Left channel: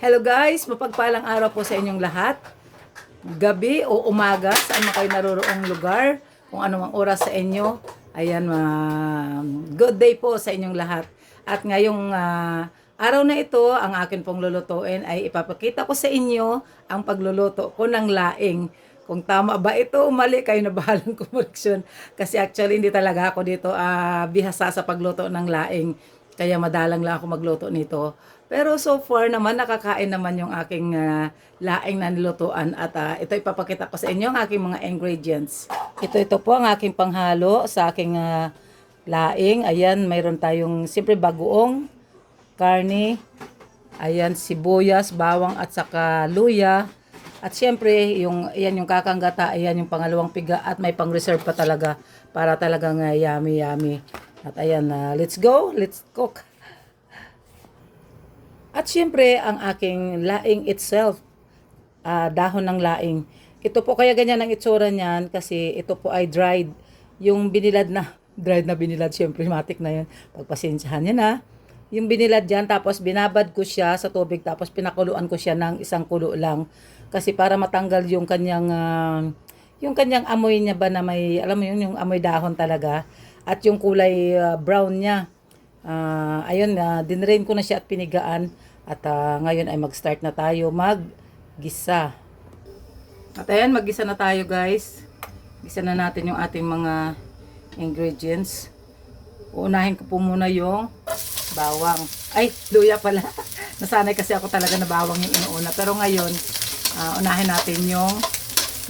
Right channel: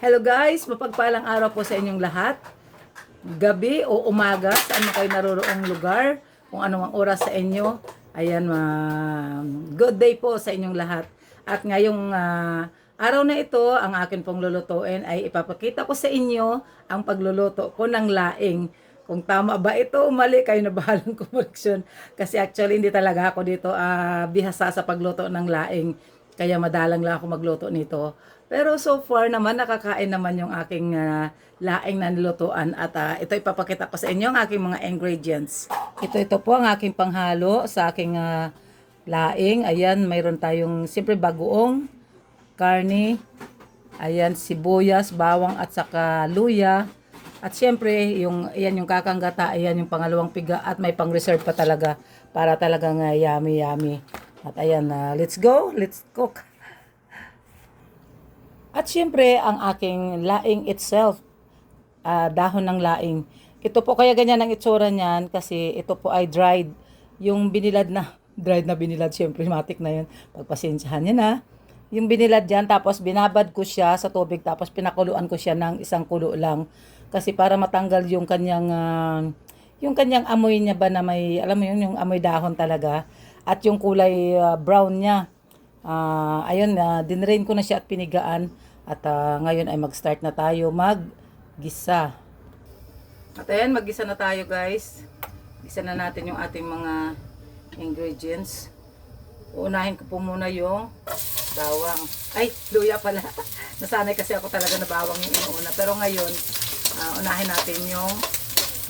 Hello guys, mapagpalang araw po sa inyong lahat. Gabi o umaga, saan man kayo naroroong lugar, kung anumang oras sa inyo. Ayan, ma- good day po sa inyong lahat. At ngayong ah, araw na ito, ang akin pong lulutuin ay ipapakita ko sa inyo ang pagluluto ko ng laing. Kung tama ba ito o mali, kayo na bahalang kumoreksyon. Kasi actually, hindi talaga ako dito ah, bihasa sa pagluto ng laing. Kaya madalang lang ako magluto nito. Pero so far naman, nakakain naman yung aking ah, laing na nilutuan. At ah, ito ipapakita ko sa inyo ang aking mga ingredients. Ito, ito po ang aking panghalo sa aking ah, laing. Ayan, mayroon tayong siyempre bagoong, karne, ayan, sibuyas, bawang at saka luya. At siyempre, yung, ayan yung kakanggata, ayan yung pangalawang piga at may pang-reserve pa talaga para talagang uh, yummy yummy. At ayan, ah, let's go, let's cook. At siyempre, ang aking laing itself, ah, dahon ng laing. Ito po kaya ganyan ang itsura niyan kasi ito po ay dried. Yung binilad na, dried na binilad, siyempre matik na yun. Pagpasensyahan niya na. Yung binilad dyan, tapos binabad ko siya sa tubig, tapos pinakuluan ko siya ng isang kulo lang. Kasi para matanggal yung kanyang, ah, yung kanyang amoy niya ba na may, alam mo yun, yung amoy dahon talaga. At yung kulay ah, brown niya. Ah, ayun, uh, dinrain ko na siya at pinigaan. At ah, ngayon ay mag-start na tayo mag-gisa. At ayan, mag-gisa na tayo guys. Gisa na natin yung ating mga ingredients. Uunahin ko po muna yung bawang. Ay, luya pala. Nasanay kasi ako talaga na bawang yung inuuna. Pero ngayon, ah, unahin natin yung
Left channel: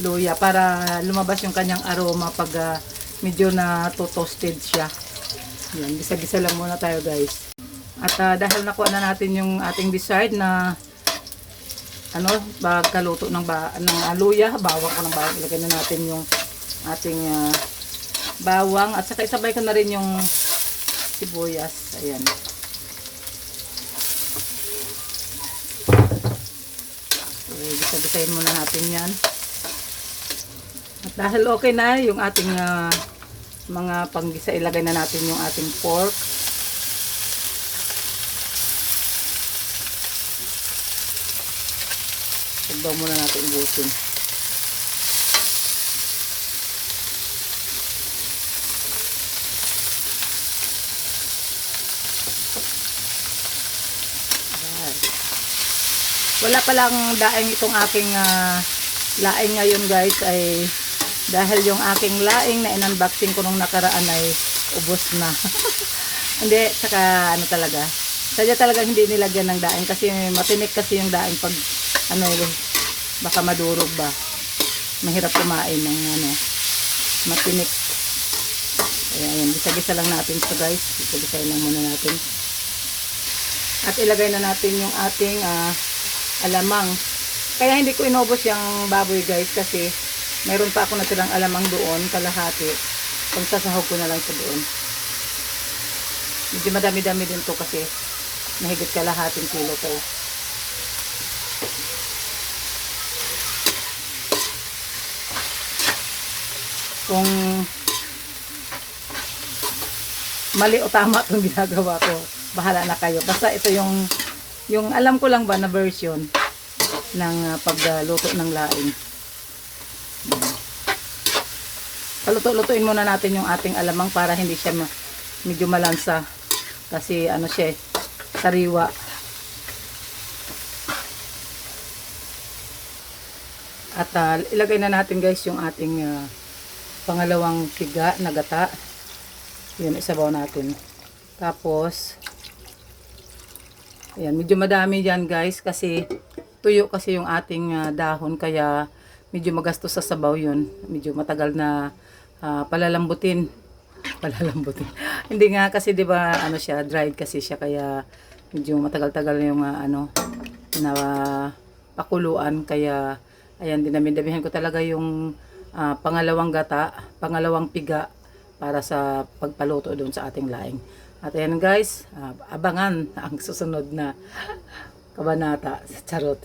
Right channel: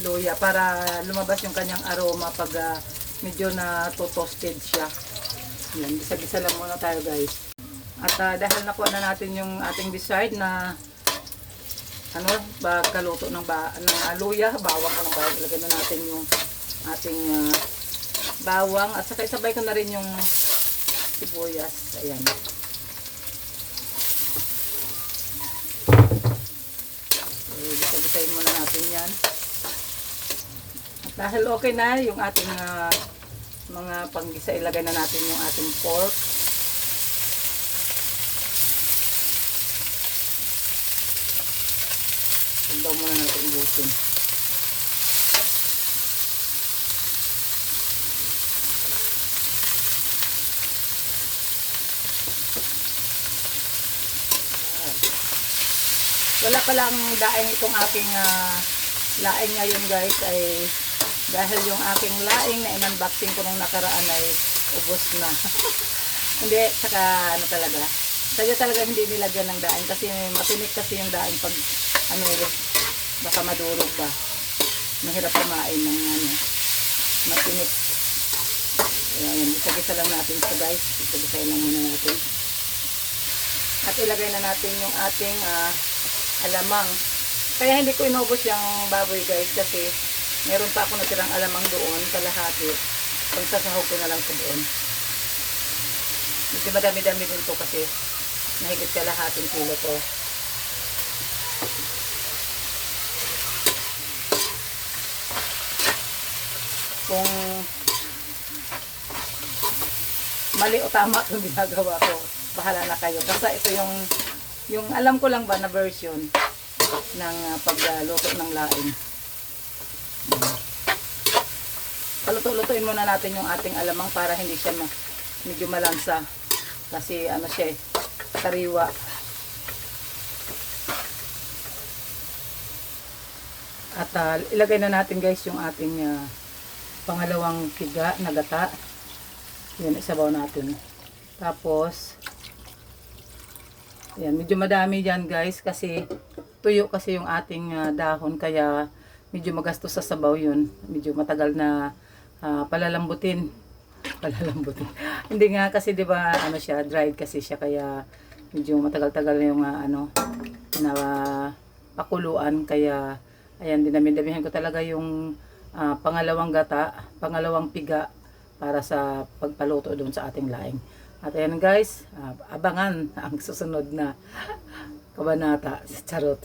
luya para lumabas yung kanyang aroma pag ah, medyo na toasted siya. Yan, bisa-bisa lang muna tayo guys. At ah, dahil nakuha na natin yung ating desired na ano, pagkaluto ng ba ng ah, luya, bawang ang bawang, ilagay na natin yung ating ah, bawang at saka isabay ko na rin yung sibuyas. Ayan. Okay, bisa-bisahin muna natin yan. At dahil okay na yung ating ah, mga panggisa, ilagay na natin yung ating pork. Sundaw muna natin. Ayan. Wala palang daing itong aking ah, laing ngayon guys ay dahil yung aking laing na in-unboxing ko nung nakaraan ay ubos na. hindi, saka ano talaga. Sadya talaga hindi nilagyan ng daing kasi matinik kasi yung daing pag ano baka madurog ba. Mahirap kumain ng ano matinik. Ayan, gisa-gisa lang natin ito guys. Gisa-gisa lang muna natin. At ilagay na natin yung ating ah, alamang. Kaya hindi ko inubos yung baboy guys kasi meron pa ako natirang alamang doon, kalahati. Kung sasahog ko na lang sa doon. Medyo madami-dami din to kasi mahigit kalahating kilo to. Kung mali o tama itong ginagawa ko, bahala na kayo. Basta ito yung yung alam ko lang ba na version ng uh, pagluto ng laing. Paluto-lutuin muna natin yung ating alamang para hindi siya ma- medyo malansa. Kasi ano siya eh, sariwa. At ah, ilagay na natin guys yung ating ah, pangalawang piga na gata. Yun, isabaw natin. Tapos, Ayan, medyo madami yan guys kasi tuyo kasi yung ating ah, dahon kaya medyo magastos sa sabaw yun. Medyo matagal na ah, palalambutin. Palalambutin. Hindi nga kasi 'di ba ano siya, dried kasi siya kaya medyo matagal-tagal yung ah, ano na pakuluan kaya ayan dinami-damihan ko talaga yung ah, pangalawang gata, pangalawang piga para sa pagpaluto doon sa ating laing. At ayan guys, ah, abangan ang susunod na kabanata sa charot.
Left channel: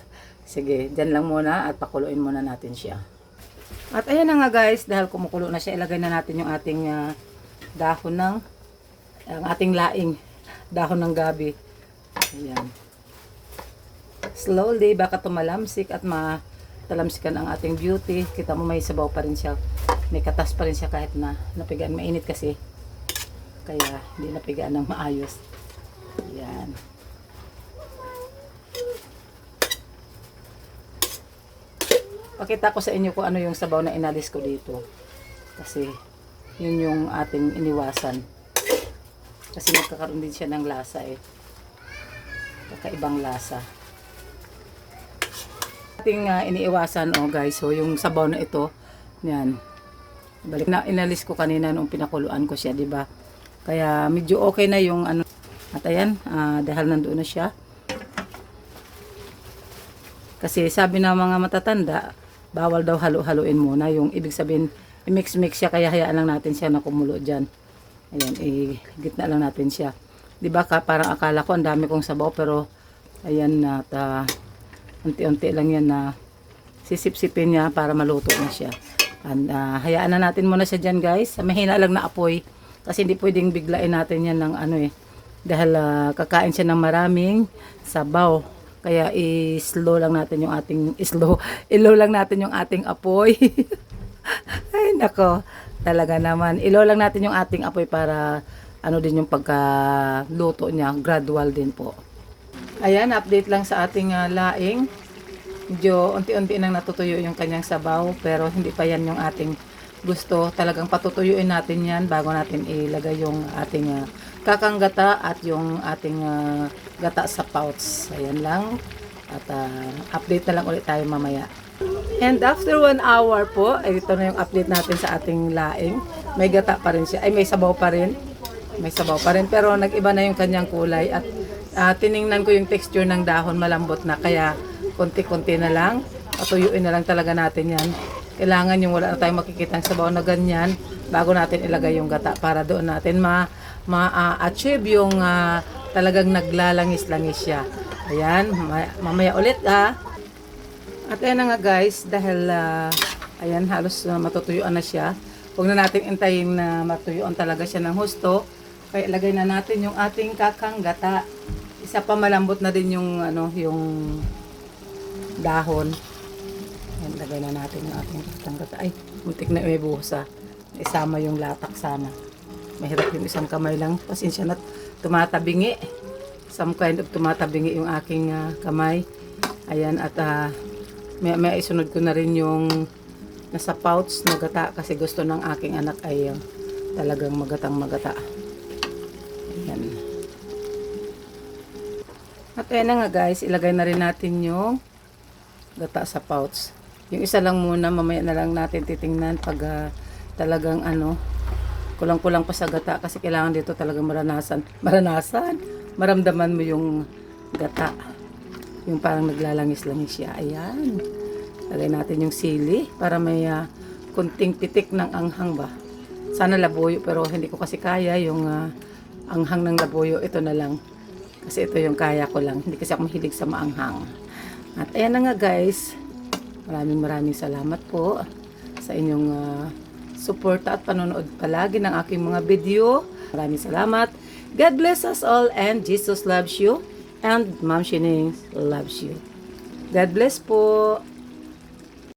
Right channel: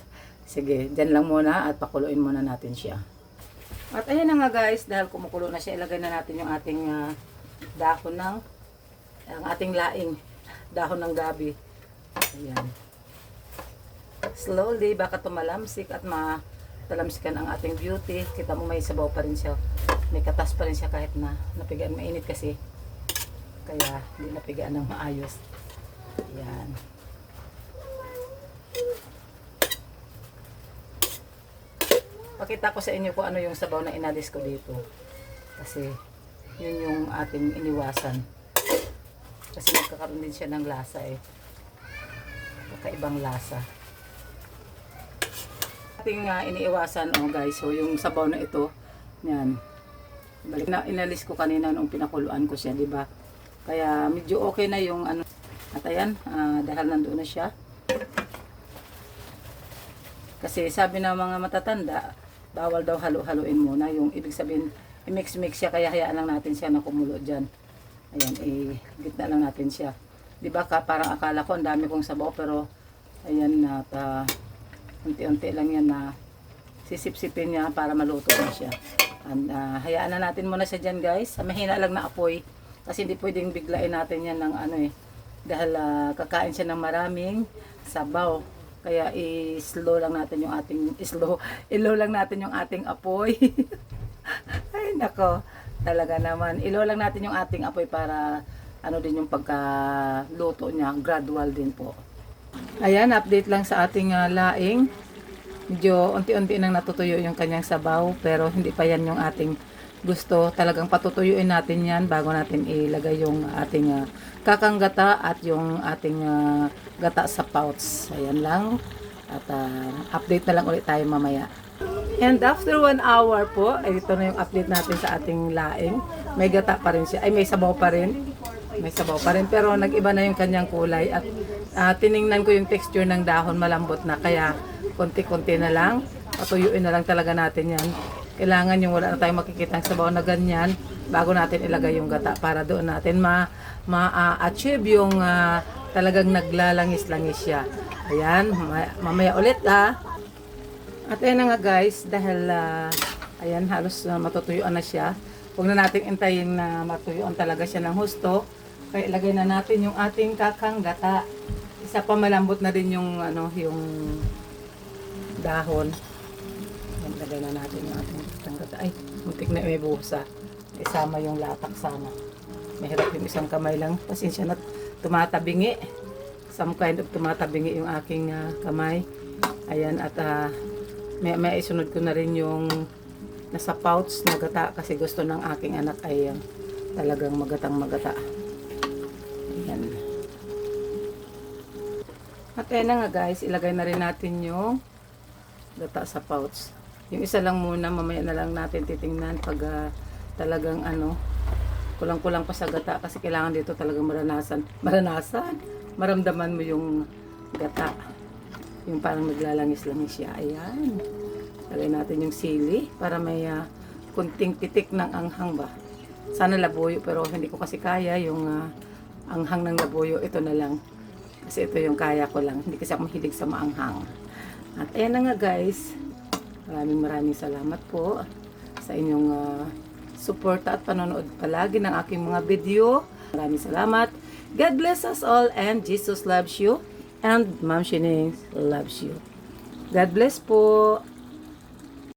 Sige, dyan lang muna at pakuluin muna natin siya. At ayan na nga guys, dahil kumukulo na siya, ilagay na natin yung ating ah, dahon ng, ang ating laing, dahon ng gabi. Ayan. slowly, baka tumalamsik at matalamsikan ang ating beauty. Kita mo may sabaw pa rin siya. May katas pa rin siya kahit na napigaan. Mainit kasi. Kaya hindi napigaan ng maayos. Yan. Pakita ko sa inyo kung ano yung sabaw na inalis ko dito. Kasi yun yung ating iniwasan. Kasi magkakaroon din siya ng lasa eh. Kakaibang lasa. Ating ah, iniiwasan oh guys. So yung sabaw na ito, yan. Balik na inalis ko kanina nung pinakuluan ko siya, di ba? Kaya medyo okay na yung ano. At ayan, ah, dahil nandoon na siya. Kasi sabi ng mga matatanda, bawal daw halo-haloin muna. Yung ibig sabihin, i-mix-mix siya, kaya hayaan lang natin siya na kumulo dyan. Ayan, i-gitna lang natin siya. Di ba ka, parang akala ko ang dami kong sabaw, pero ayan na, ta, unti-unti lang yan na sisip-sipin niya para maluto na siya. And, ah, hayaan na natin muna siya dyan guys. Mahina lang na apoy. Kasi hindi pwedeng biglain natin yan ng ano eh. Dahil ah, kakain siya ng maraming sabaw. Kaya i-slow lang natin yung ating slow. I-low lang natin yung ating apoy. Ay nako. Talaga naman. I-low lang natin yung ating apoy para ano din yung pagkaluto niya. Gradual din po. Ayan, update lang sa ating ah, laing. Medyo unti-unti nang natutuyo yung kanyang sabaw pero hindi pa yan yung ating gusto. Talagang patutuyuin natin yan bago natin ilagay yung ating ah, kakang gata at yung ating ah, gata sa pouch. Ayan lang. At ah, update na lang ulit tayo mamaya. And after one hour po, ito na yung update natin sa ating laing. May gata pa rin siya. Ay, may sabaw pa rin. May sabaw pa rin. Pero nag-iba na yung kanyang kulay. At ah, tiningnan ko yung texture ng dahon. Malambot na. Kaya konti-konti na lang. Patuyuin na lang talaga natin yan. Kailangan yung wala na tayong makikita sabaw na ganyan bago natin ilagay yung gata para doon natin ma ma-achieve yung ah, talagang naglalangis-langis siya. Ayan, ma- mamaya ulit ah. At ayan na nga guys, dahil ah, ayan halos uh, matutuyuan na siya. Huwag na natin intayin na matuyuan talaga siya ng husto. Kaya ilagay na natin yung ating kakang gata. Isa pa malambot na din yung ano, yung dahon. Ayan, lagay na natin yung ating kakang gata. Ay, muntik na may buhos ah. Isama yung latak sana. Mahirap yung isang kamay lang. Pasensya na tumatabingi. Some kind of tumatabingi yung aking ah, kamay. Ayan, at ah, may, may isunod ko na rin yung nasa pouch na gata kasi gusto ng aking anak ay ah, talagang magatang magata. Ayan. At ayan na nga guys, ilagay na rin natin yung gata sa pouch. Yung isa lang muna, mamaya na lang natin titingnan pag ah, talagang ano, kulang-kulang pa sa gata kasi kailangan dito talagang maranasan. Maranasan, maramdaman mo yung gata. Yung parang naglalangis-langis siya. Ayan. Lagay natin yung sili para may ah, kunting pitik ng anghang ba. Sana labuyo pero hindi ko kasi kaya yung ah, anghang ng labuyo. Ito na lang. Kasi ito yung kaya ko lang. Hindi kasi ako mahilig sa maanghang. At ayan na nga guys. Maraming maraming salamat po sa inyong ah, suporta at panonood palagi ng aking mga video. Maraming salamat. God bless us all and Jesus loves you and Ma'am Shining loves you. God bless po.